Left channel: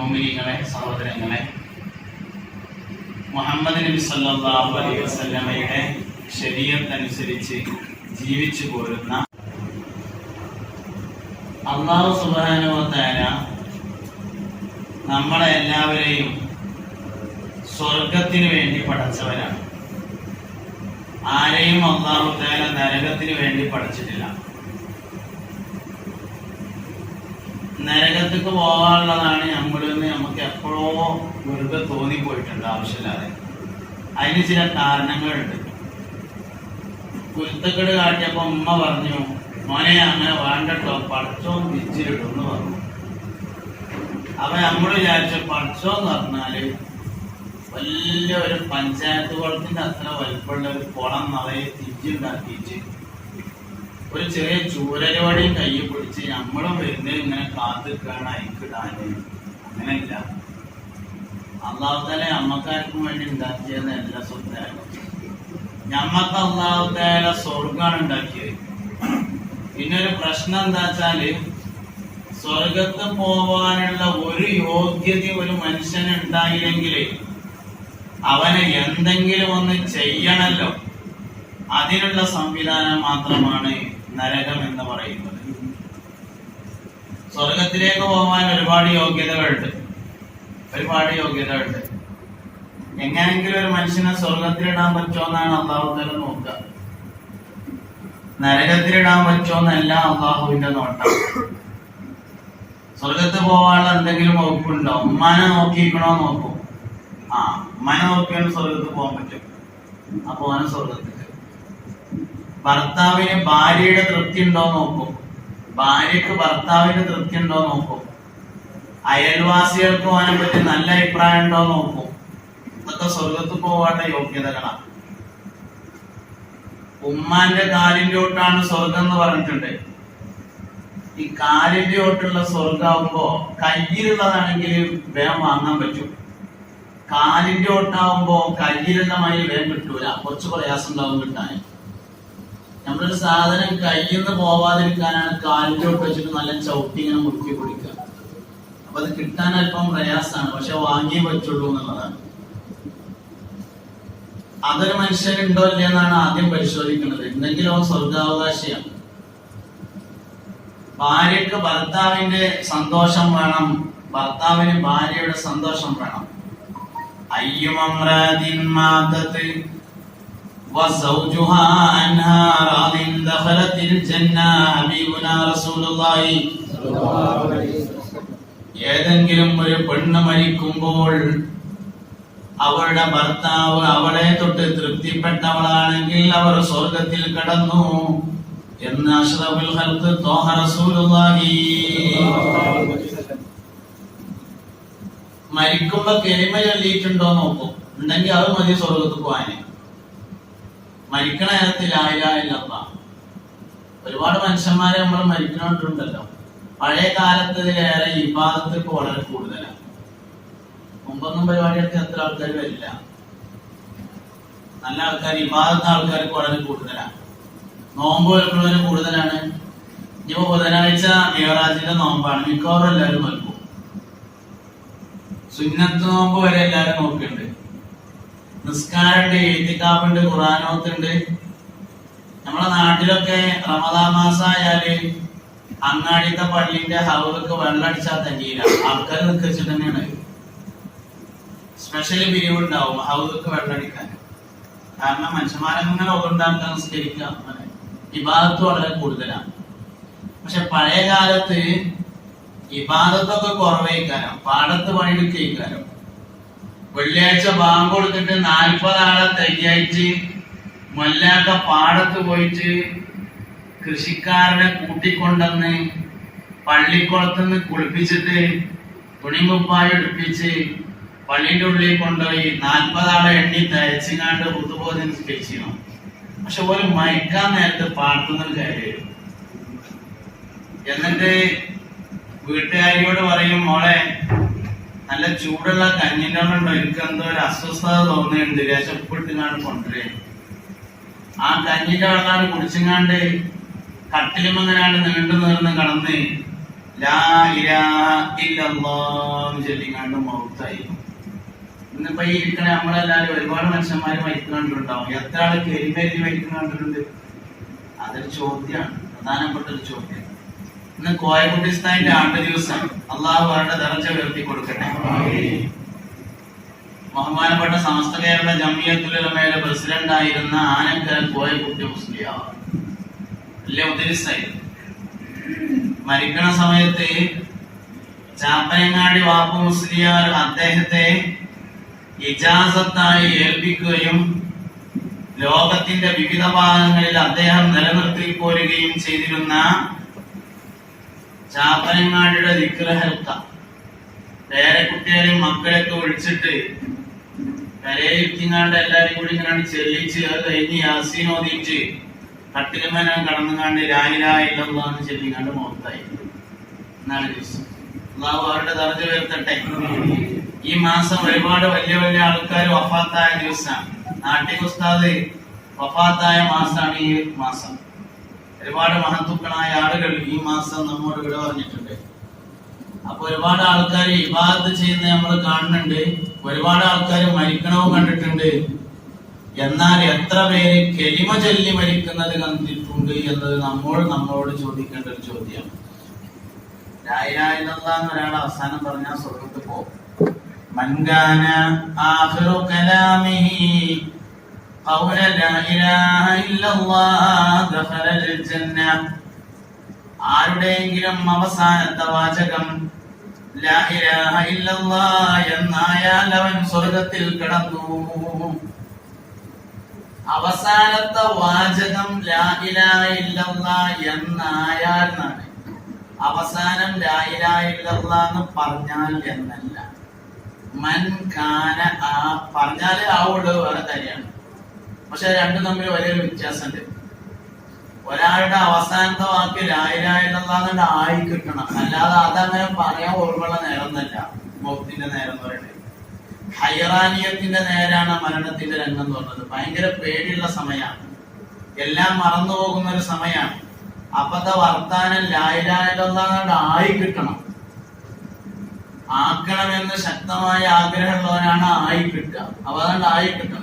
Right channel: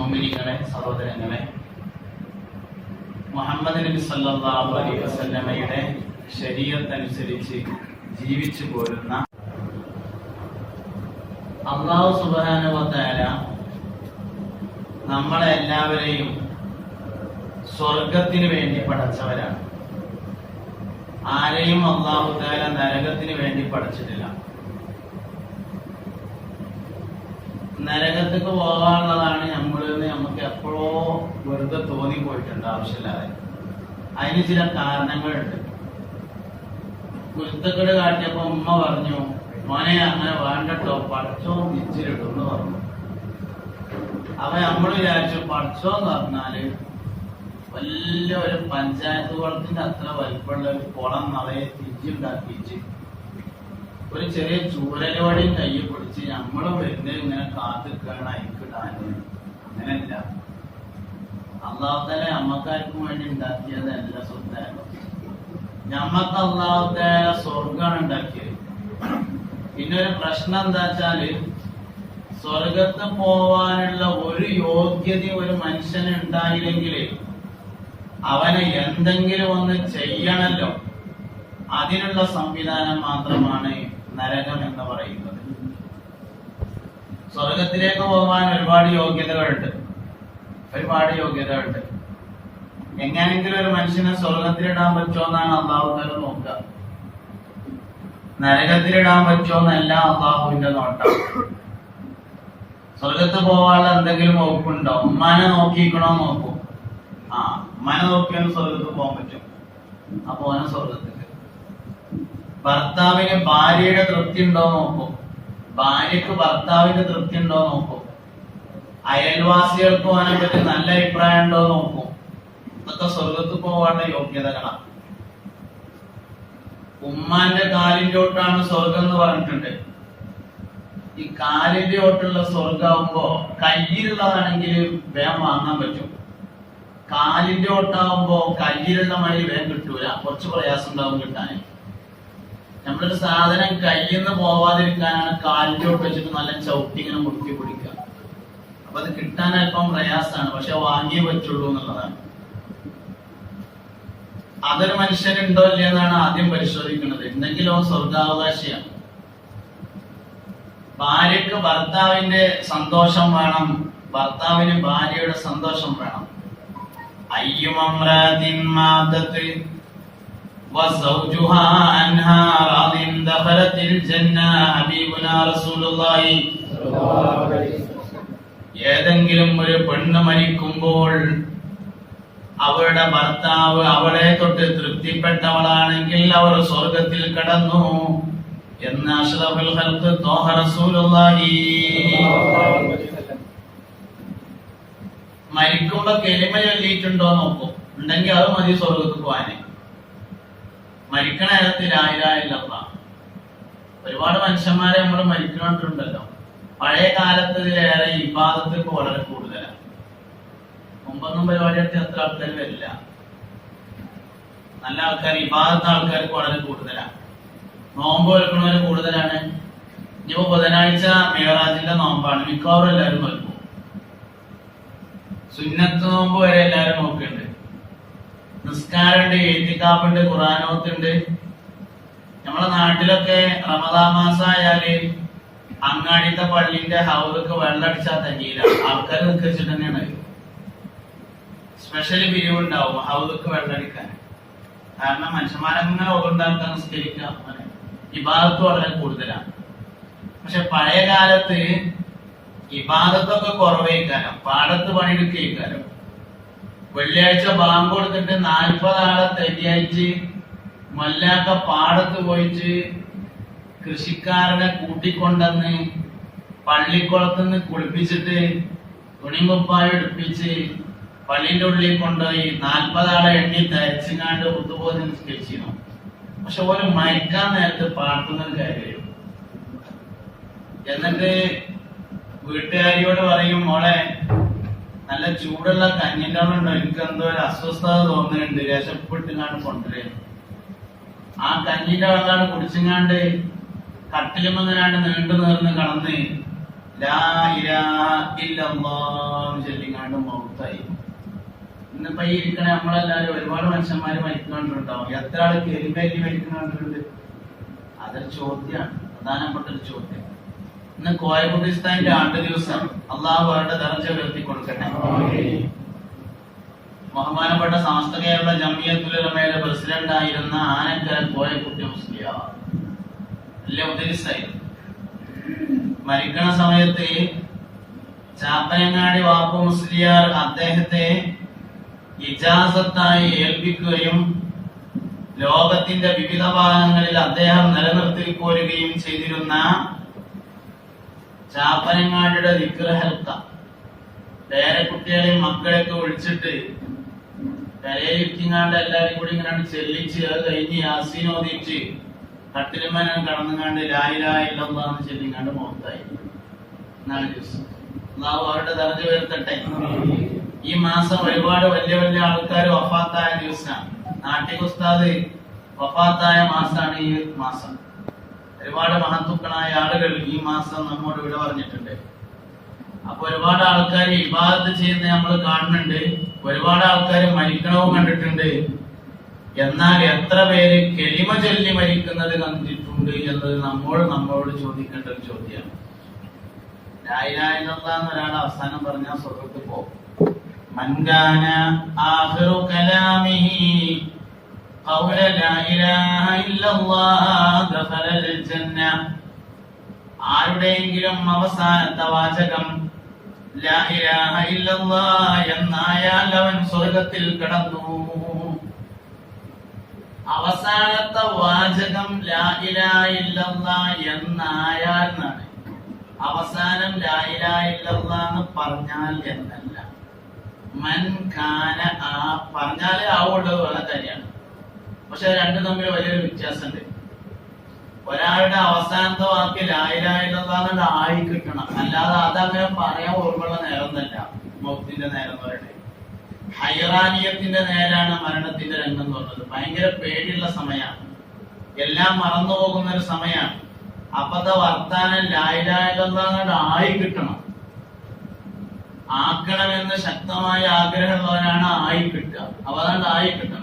മൊമിനികളെ സഹോദരങ്ങളെ മുഹമ്മദ് നബി സല്ലല്ലാഹു അലൈഹി വസല്ലമയുടെ ശരീരത്തനുസരിച്ച് ജീവിച്ചു പോരുന്ന അള്ളാഹു തആല നമ്മളെ എല്ലാവരെയും സ്വർഗത്തിന് വേണ്ടി പഠിച്ചവരാണ് ആരെയും തആല നരകത്തിന് വേണ്ടി പഠിച്ചിട്ടില്ല നരകത്തേക്ക് പോകാനുള്ളതാണ് നമ്മളിന്ന് നമുക്ക് എപ്പോഴോ വെറുതെ തോന്നിപ്പോയിട്ടുണ്ട് ആവശ്യമില്ലാതെ. അതിന് ചില കാരണങ്ങളുണ്ട്. കുരുത്തക്കെട് കാട്ടിയപ്പോ ഉമ്മ പറഞ്ഞു മോനെ അങ്ങനെ വേണ്ടട്ടോ പഠിച്ചോ വിച്ചിരിടും എന്ന് പറഞ്ഞു. അപ്പൊ നമ്മൾ വിചാരിച്ചു പഠിച്ചോ എന്ന് പറഞ്ഞാൽ വലിയ ഒരു പഞ്ചായത്ത് കുളത്തിന്റെ അത്ര വലിപ്പമുള്ള ഒരു കുളം നിറയെ തിരിച്ചുണ്ടാക്കിയിട്ട് ഒരു ചെറിയ ചൂരലവടിയും കയ്യിൽ പിടിച്ച് നമ്മളും വരുന്നത് ഇങ്ങനെ കാത്തിക്കാണ് അയക്കിടാന് അങ്ങനെയില്ല. അള്ളാഹുത്താലെ അമ്മക്കാർക്കും വേണ്ടി ഉണ്ടാക്കിയതല്ല സുന്ദരം ഞമ്മക്ക് അള്ളാഹുത്താല സ്വർഗാണ് ഉണ്ടാക്കിയത്. പിന്നെ ഒരു പ്രശ്നം എന്താ വെച്ചാൽ സ്വർഗത്ത് പോവാനുള്ള ഒരു യോഗ്യത ഒരു മനുഷ്യൻ ഉണ്ടായില്ലെങ്കിൽ അവന് എന്തെങ്കിലും ഒന്ന് ചെയ്യണല്ലോ. അതിനുള്ള സംവിധാനം മാത്രമാണ് നരകം എന്ന് പറയുന്നത്. സ്വർഗത്തിലേക്ക് പോകാൻ ഒരുപാട് യോഗ്യതകളുണ്ട്. ഒരുപാട് യോഗ്യതകളുണ്ട്. എങ്ങനെങ്കിലും ഒരു മനുഷ്യനെ സ്വർഗത്തിലിടാൻ പറ്റുമോ എന്നാണ് അള്ളാഹുദല നോക്കുക. നരകത്തിലിടാൻ പറ്റുമോ എന്നല്ല അള്ളാഹുവിന്റെ നോട്ടം. സ്വർഗത്ത് പോകാനുള്ള എന്തെങ്കിലും വകുപ്പുണ്ടോ? ഉമ്മാനെ നോക്കിയിരിക്കണോ നോക്കും. ആ ഉമ്മാനെ നോക്കിയാൽ സ്വർഗത്ത് പോകാൻ പറ്റും. അപ്പൊ സ്വർഗത്തിൽ ഭർത്താവിന് ഭാര്യയുടെ തൃപ്തി ഉണ്ടോ നോക്കും. ഭാര്യക്ക് ഭർത്താവിന്റെ തൃപ്തി ഉണ്ടോ നോക്കും. അയൽവാസികൾക്ക് അവനെ പറ്റി നല്ല അഭിപ്രായം ഉണ്ടോ നോക്കും. ഇതൊക്കെ സ്വർഗത്ത് പോകേണ്ട യോഗ്യതകളാണ് ഉമ്മാന്റെ കാലിന്റെ ഓട്ടാണ് സ്വർഗം എന്ന് പറഞ്ഞിട്ടുണ്ട്. ഈ കാലിന്റെ ഓട്ടുള്ള സ്വർഗമാകുമ്പോ കയ്യിലുള്ളതാണെങ്കിൽ വേഗം വാങ്ങാൻ പറ്റും. കാലിന്റെ ഓട്ടാവുമ്പോ കയ്യിലുള്ള മഴ വേഗം കിട്ടൂല. കുറച്ച് പ്രയാസം ഉണ്ടാവും കിട്ടാൻ. നമ്മളൊരു സാധനം കയ്യിൽ നിന്ന് പോവാതിരിക്കാനാണ് കാലിലോട്ട് വെച്ചിട്ട് നല്ല ചവിട്ടി ഇങ്ങനെ മുറുക്കി പിടിക്കുക. അപ്പൊ അത് കിട്ടാൻ അല്പം പ്രയാസമാണ് പക്ഷെ വാങ്ങിയേ പറ്റുള്ളൂ എന്നുള്ളതാണ്. അതൊരു മനുഷ്യനുണ്ടോ ഇല്ലെന്നാണ് ആദ്യം പരിശോധിക്കുന്നത് എന്തെങ്കിലും അവൻ സ്വർഗാവകാശിയാണ്. ഭാര്യക്ക് ഭർത്താവിന്റെ സന്തോഷം വേണം ഭർത്താവിന് ഭാര്യയുടെ സന്തോഷം വേണം. അയ്യമമ്രാതിൻ മാതത്ത് وزوجها عنها راض دخلت الجنة حبيبنا رسول الله ഏതെങ്കിലും ഒരു പെണ്ണ് മരിക്കുമ്പോൾ അവളുടെ ഭർത്താവ് അവളെ തൊട്ട് തൃപ്തിപ്പെട്ടവളാണെങ്കിൽ അവർ സ്വർഗത്തിൽ കടന്നു എന്ന് അഷ്റഫുൽ ഖൽഖ് ത്വാഹ റസൂലുള്ളാഹി മരിക്കുമ്പോ കെളിമ ചൊല്ലിയിട്ടുണ്ടോ നോക്കും ഉണ്ടെങ്കിൽ അത് മതി സ്വർഗത്ത് പോവാന് മരിക്കണ നേരത്തിൽ ആയിരായില്ലപ്പ ഒരുപാട് മനുഷ്യന്മാരെ നമ്മൾ മരിക്കണോണ്ടല്ലോ പഴയ കാലത്തതിലേറെ ഇബാദത്ത് വളരെ കൂടുതലാണ് മുമ്പൊന്നും പരിപാടികൾക്ക് എത്ര ആൾക്കാർ വരില്ല. നല്ല ആൾക്കാർ ഇബാദത്ത് ആൾക്കാർക്ക് വളരെ കൂടുതലാണ് നോമ്പ് വെക്കുന്നവര് കൂടുതലാണ്. ഇനിയിപ്പോ ബുധനാഴ്ച മേറാജിന്റെ നോമ്പാണ്. മിക്കവാറും എല്ലാവരും നോക്കും സുന്നത്ത് നോമ്പ് വരെ എല്ലാവരും നോക്കുന്നുണ്ട് നിസ്കാരമുണ്ട് എഴുത്തിക്കാപ്പുണ്ട് ഖുറാനോത്തുണ്ട്. നമ്മളെ നാട്ടിലൊക്കെ റമദാ മാസമായാൽ അങ്ങാടിത്തെ പള്ളിന്റെ ഹൗറൊക്കെ വെള്ളടിച്ചാൽ തന്നെയില്ല ആൾക്കാർ നിൽക്കിച്ചിട്ട് തന്നെയാണ്. സ്പെഷ്യൽ പിരിവുണ്ടാവും ഹൗറൊക്കെ വെള്ളടിക്കാൻ. കാരണം മനുഷ്യന്മാരങ്ങനെ ഉണ്ടാക്കാൻ നിസ്കരിക്കുക വിഭാഗത്ത് വളരെ കൂടുതലാണ് പക്ഷെ പഴയ കാലത്ത് ഇബാദത്തൊക്കെ കുറവേക്കാരം. പാടത്ത് പണിയെടുക്കാരം വെള്ളിയാഴ്ച ബാങ്ക് കൊടുത്തിട്ട് നാൽപ്പതാളെ മല്ലാത്ത മൊല്ലാക്ക പാടത്ത് പോയിട്ട് കൃഷിക്കാരനെ കൂട്ടിക്കൊണ്ടെന്ന് പള്ളിക്കുളത്തുനിന്ന് കുളിപ്പിച്ചിട്ട് തുണിമുപ്പായി എടുപ്പിച്ച് പള്ളിന്റെ ഉള്ളിൽ കൊണ്ടുപോയി നാൽപ്പതാളെ എണ്ണി തയച്ചിങ്ങാണ്ട് പുതുബോധം നിസ്കരിച്ചിരുന്നു. പക്ഷെ ഒരു മയക്കാൻ നേരത്ത് പാട്ടുന്നൊരു കാര്യം എന്നിട്ട് വീട്ടുകാരിയോട് പറയും മോളെ നല്ല ചൂടുള്ള കഞ്ഞിന്റെ ഉണ്ടോ? എനിക്ക് എന്തോ ഒരു അസ്വസ്ഥത തോന്നുന്നുണ്ട്. വിശപ്പിട്ടുകാണ്ട് കൊണ്ടുവരേ ആ കഞ്ഞിന്റെ വെള്ളമാണ് കുടിച്ചിങ്ങാണ്ട് കട്ടിലുമെന്നാണ് നീണ്ടു നേർന്ന് കടന്ന് ചൊല്ലിക്കാണ്ട് മൗത്തായി. ഇന്നിപ്പോ ഈ ഇരിക്കണ നമ്മളെല്ലാരും ഒരുപാട് മനുഷ്യന്മാര് മരിക്കുന്നുണ്ടാവും. എത്ര ആൾ കരിമേരി മരിക്കുന്നുണ്ട്? അതൊരു ചോദ്യമാണ് പ്രധാനപ്പെട്ട ഒരു ചോദ്യം ഇന്ന് കോയക്കുട്ടിസ്ഥാനിന്റെ ആണ്ട് ദിവസം അള്ളാഹു അവരുടെ ദർജ ഉയർത്തി കൊടുക്കട്ടെ. ബഹുമാനപ്പെട്ട സമസ്ത കേരള ജമിയത്തുലമയുടെ പ്രസിഡന്റ് ആയിരുന്ന ആനക്കരൻ കോയക്കുട്ടി ഉദ്ദേശായിരുന്നു മരിക്കണ സമയത്ത് ചാപ്പനങ്ങാടി വാപ്പു മുസ്ലിയാർ അദ്ദേഹത്തെ ഇജാസത്തായി ഏൽപ്പിക്കുകയും ലോകത്തിന്റെ വിവിധ ഭാഗങ്ങളിൽ അദ്ദേഹം നിലനിർത്തി പോരുകയും ചെയ്തിരുന്ന ചാപ്പനങ്ങാടിയുടെ വിഗ്രഹത്ത. വേറെ കുട്ടികളെയും മക്കളെയൊക്കെ വിളിച്ചിട്ട് കരയിരിക്കുന്നാണ്ട് എല്ലാരും കൂടി ഇങ്ങനെ ചെല്ലിച്ച് അത് കഴിഞ്ഞ് യാസീൻ കട്ടിലുമന കടന്നുകാണ്ട് രായിരായില്ലെന്ന് ചെല്ലിക്കാണ്ട് മുഖത്തായി. അവരുടെ ദർജ ഉയർത്തട്ടെ. ഈ മാസം ഒരുപാട് വലിയ വലിയ ആൾക്കാർ വഫാത്തായ ദിവസമാണ് നാട്ടിൽ ഉസ്താദ് വഫാത്തായ മാസമാണ് ഈ മാസം. ഒരുപാട് മഹത്തുക്കളായ ആളുകൾ ഈ മാസം നമ്മോട് വിട പറഞ്ഞിട്ടുണ്ട്. അപ്പൊ ഒരുപാട് ആൾക്കാർ ഇബാദത്ത് ചെയ്യുന്ന നമ്മൾ കാണുന്നുണ്ട്. ഒരുപാട് ആൾക്കാർ മരിക്കണവും കണ്ടിട്ടുണ്ട്. എന്നാൽ എത്ര പേര് കെലിമ ചൊല്ലി മരിക്കുന്നത് കണ്ടിട്ടുണ്ട് എന്നത് നമ്മൾ നമ്മളോട് ചോദിക്കേണ്ട ഒരു ചോദ്യമാണ്. രായിരായെന്നുള്ള ഒരാൾ അവസാനം പറഞ്ഞ സ്വർഗത്ത് പോകും ആഹിറു قول لا إله إلا الله دخل الجنة ആരുടെയെങ്കിലും അവസാനത്തെ വാചകം ലാ ഇലാഹ ഇല്ലല്ലാഹ് എന്നായാൽ അവൻ സ്വർഗത്തിൽ കടന്നു അവസാനത്തെ വാചകം ലാ ഇലാഹ ഇല്ലല്ലാഹ് എന്നായാൽ എന്നാണ് അവസാനം ലാ ഇലാഹ ഇല്ലല്ലാഹ് എന്ന് പറഞ്ഞാൽ എന്നല്ല മൻ കാന ആ പറഞ്ഞാലേ ആവുള്ളൂ വേറെ കാര്യമാണ് പക്ഷെ രണ്ടും തമ്മിൽ വലിയൊരു വ്യത്യാസമുണ്ട്. ഒരാളുടെ അവസാനത്തെ വാക്ക് ലായിലായില്ലാതെ ആയി കിട്ടണം. അല്ലാതെ അതങ്ങനെ പറയാൻ ഓർമ്മയുള്ള നേരം തന്നെ മൗത്തിന്റെ നേരം എന്ന് പറയുന്നത്. ഹൈറാനിയത്തിന്റെ നേരാണ് മരണത്തിന്റെ രംഗം എന്ന് പറഞ്ഞത്. ഭയങ്കര പേടിയുള്ള സമയമാണ്. എല്ലാം മറന്നു പോകുന്ന ഒരു സമയമാണ്. അപ്പത്തെ വർത്താനം ലായിലായില്ലാതെ ആയി കിട്ടണം. ആക്കണമെന്ന് ശക്തമായ ആഗ്രഹമുള്ളവരാണ് ആയി കിട്ടുക. അപ്പൊ അതുകൊണ്ട് ആയി കിട്ടണം.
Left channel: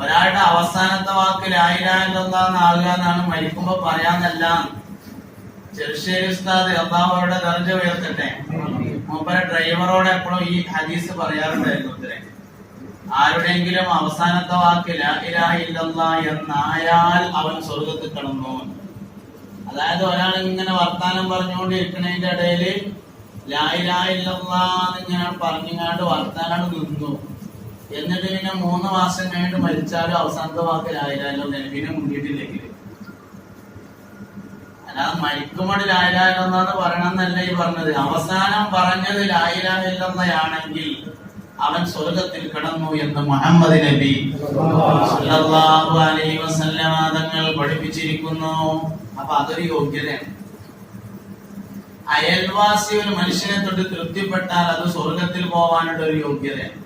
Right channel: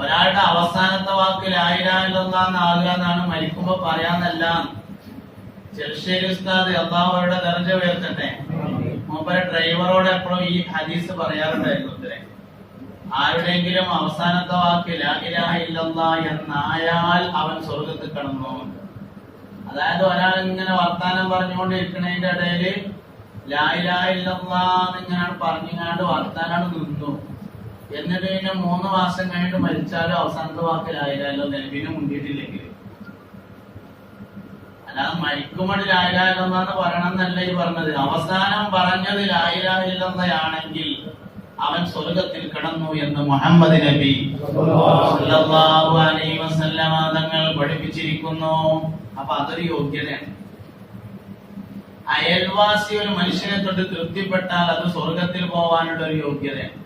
ഒരാളുടെ അവസാനത്തെ വാക്ക് ലായിലായില്ലെന്നാണ് ആകുക എന്നാണ് മരിക്കുമ്പോ പറയാന്നല്ല. ചെറുശ്ശേരി ഉസ്താദ് അള്ളാഹുടെ കറഞ്ച ഉയർത്തട്ടെ. മൂപ്പര ഡ്രൈവറോട് എപ്പോഴും ഈ ഹദീസ് പറയാറുണ്ടായിരുന്നു ആരുടെയെങ്കിലും അവസാനത്തെ വാക്ക് ലാഹിലാഹില്ല എന്നായാൽ അവൻ സ്വർഗത്തിൽ കടന്നു. അതായത് ഒരാൾ ഇങ്ങനെ വർത്താനം പറഞ്ഞുകൊണ്ടിരിക്കുന്നതിന്റെ ഇടയിൽ ലായിലാഹില്ലെന്ന് ഇങ്ങനെ പറഞ്ഞുങ്ങാണ്ട് വർത്താനം നിന്നു. എന്നിട്ട് പിന്നെ മൂന്ന് മാസം കഴിഞ്ഞിട്ട് മരിച്ചാലും അവസാനത്തെ വാക്ക് ലായിലായാലോ പിന്നെ മുണ്ടിട്ടില്ലെങ്കിൽ. അല്ലാതെ മരിക്കുമ്പോൾ ലായിലായില്ലെന്നാണ് പറയണമെന്നല്ല ഈ പറഞ്ഞത്. അവസാനം പറഞ്ഞത് ലായിലായില്ലെന്നയാണെങ്കിൽ അവൻ സ്വർഗത്തിൽ കിടന്നു എന്ന് മുഹമ്മദ് നബി അലൈഹി വസല്ലമ തങ്ങൾ പഠിപ്പിച്ചിരിക്കുന്നു. അപ്പൊ അതൊരു യോഗ്യതയാണ്. അയൽവാസി ഒരു മനുഷ്യനെ തൊട്ട് തൃപ്തിപ്പെട്ടാൽ അത് സ്വർഗത്തിൽ പോവാനുള്ള ഒരു യോഗ്യതയാണ്.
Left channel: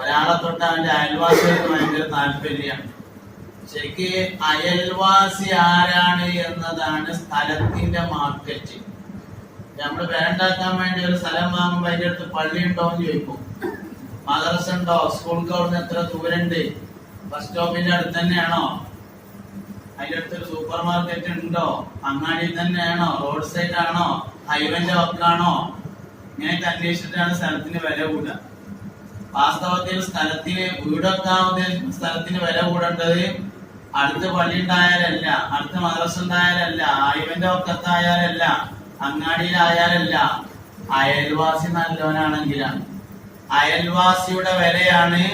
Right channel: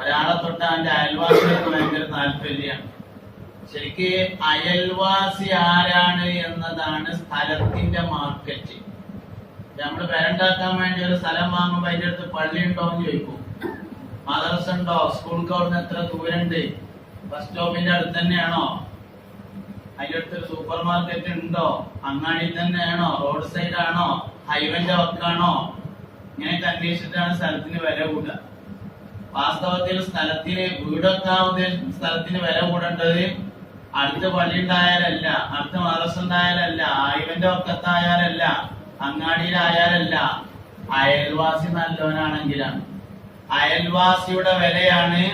ഒരാളെ തൊട്ട് അവന്റെ അയൽവാസികൾക്ക് ഭയങ്കര താല്പര്യമാണ്. ശരിക്ക് അയൽവാസി ആരാണ് എന്നതാണ് സ്ഥലത്തിന്റെ മാർക്കറ്റ് നമ്മൾ പേരുണ്ടാക്കാൻ വേണ്ടി ഒരു സ്ഥലം വാങ്ങുമ്പോൾ അതിന്റെ അടുത്ത് പള്ളി ഉണ്ടോ എന്ന് ചോദിക്കും. മദർസ് ഉണ്ടോ? സ്കൂൾക്ക് അവിടുന്ന് എത്ര ദൂരണ്ട്? ബസ് സ്റ്റോപ്പിന്റെ അടുത്ത് തന്നെയാണോ? അതിന്റെ അടുത്തൊരു സൂപ്പർ മാർക്കറ്റ് ഉണ്ടോ? അങ്ങാടി തന്നെയാണോ? റോഡ് സൈഡ് ആണോ? ഹൈവേന്റെ വക്കാണോ? ഇങ്ങനെയൊക്കെ അന്വേഷിച്ചിട്ടാണ് സ്ഥലത്തിന് വില കൂടുക. വാസ്തവത്തിൽ സ്ഥലത്തിന് വീടൊക്കെ ഉദ്ദേശിക്കുന്ന സ്ഥലത്തിന് വില കൂടേണ്ടത് അടുത്ത പള്ളി ഉണ്ടായാലല്ല അടുത്ത മദ്രസ ഉണ്ടായാലല്ല ഹൈവേന്റെ ഒക്കത്തായാലല്ല അങ്ങാടിയിലായാലല്ല അയൽവാസി നല്ലവനാണെങ്കിലാണ്. അയൽവാസിയുടെ വിലയാണ്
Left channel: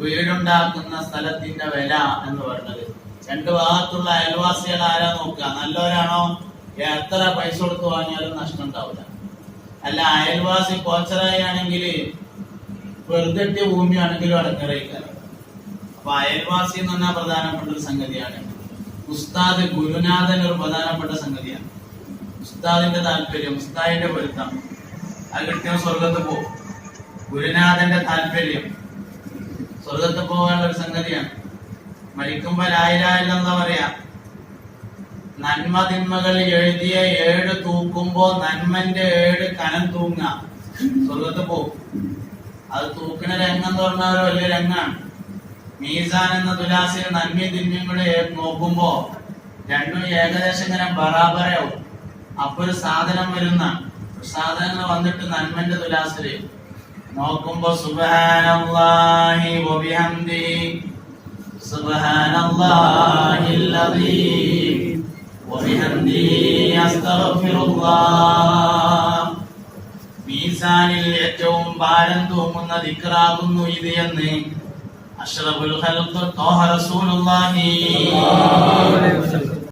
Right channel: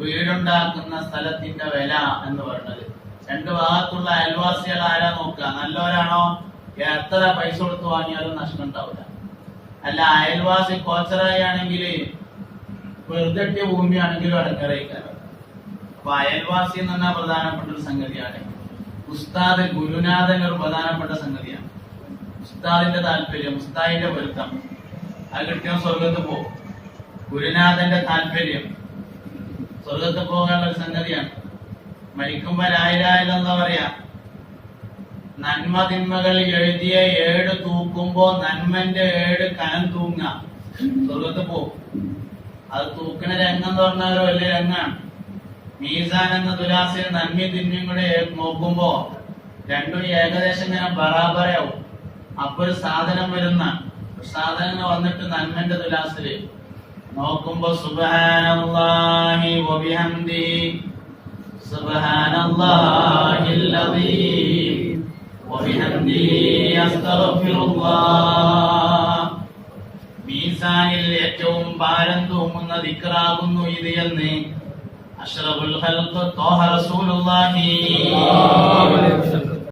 വീടുണ്ടാക്കുന്ന സ്ഥലത്തിന്റെ വില എന്ന് പറഞ്ഞത്. രണ്ട് ഭാഗത്തുള്ള അയൽവാസികൾ ആരാ നോക്കുക? നല്ലവരാണോ? എത്ര പൈസ കൊടുത്ത് വാങ്ങിയാലും നഷ്ടം ഉണ്ടാവില്ല. അല്ല അയൽവാസി കോച്ചറായി ആണെങ്കിൽ വെറുതെ ഭൂമിയാണെങ്കിലും അടങ്ങറിയിക്കാറ് അപ്പൊ അയൽവാസി എന്ന് പറഞ്ഞാൽ പ്രധാനപ്പെട്ട ഒരു സംഗതിയാണ്. ഉസ്താദ് ഗുരുനാഥൻ ഒരു പ്രധാനപ്പെട്ട സംഗതിയാണ്. ഉസ്താദിന്റെ താല്പര്യം ഉസ്താദിന്റെ പൊരുത്തം. അത് കിട്ടിയ സ്വർഗത്ത് പോകും. ഗുരുനാഥന്റെ താല്പര്യം സ്വർഗത്ത് പോകാനുള്ള ഒരു സംഗതിയാണ്. മരിക്കുമ്പോ ലായിലായില്ലെന്താ പറയാ നന്മ തിന്മകൾ എഴുതിയ ഏട് തൂക്കുമ്പോ നന്മന്റെ ഏട് കനം തൂങ്ങ. സ്വർഗത്ത് പോകും. അത് തൂക്കണ രംഗം എന്ന് പറഞ്ഞാൽ ഒരു വലിയ രംഗാണ് മീസാൻ എന്ന തുലാസിൽ നന്മയും തിന്മയും കൂടി നോക്കുമ്പോ രണ്ടും ഏകദേശം ഇങ്ങനെ ബറാബറാവും അപ്പൊ ഒരു സാധനം വരുന്ന സാധനങ്ങൾ വന്നിട്ട് നന്മന്റെ തുലാസിൽ നോക്കുമ്പോ സുബ്ഹാനല്ലാഹി വബിഹംദി മീസാനിൽ ഏറ്റവും ഭാരം തൂങ്ങുന്ന ദിക്റാകുന്നു ഇത് എന്ന് അഷ്റഫുൽ ഖൽഖ് തോഹ റസൂലുള്ളാഹി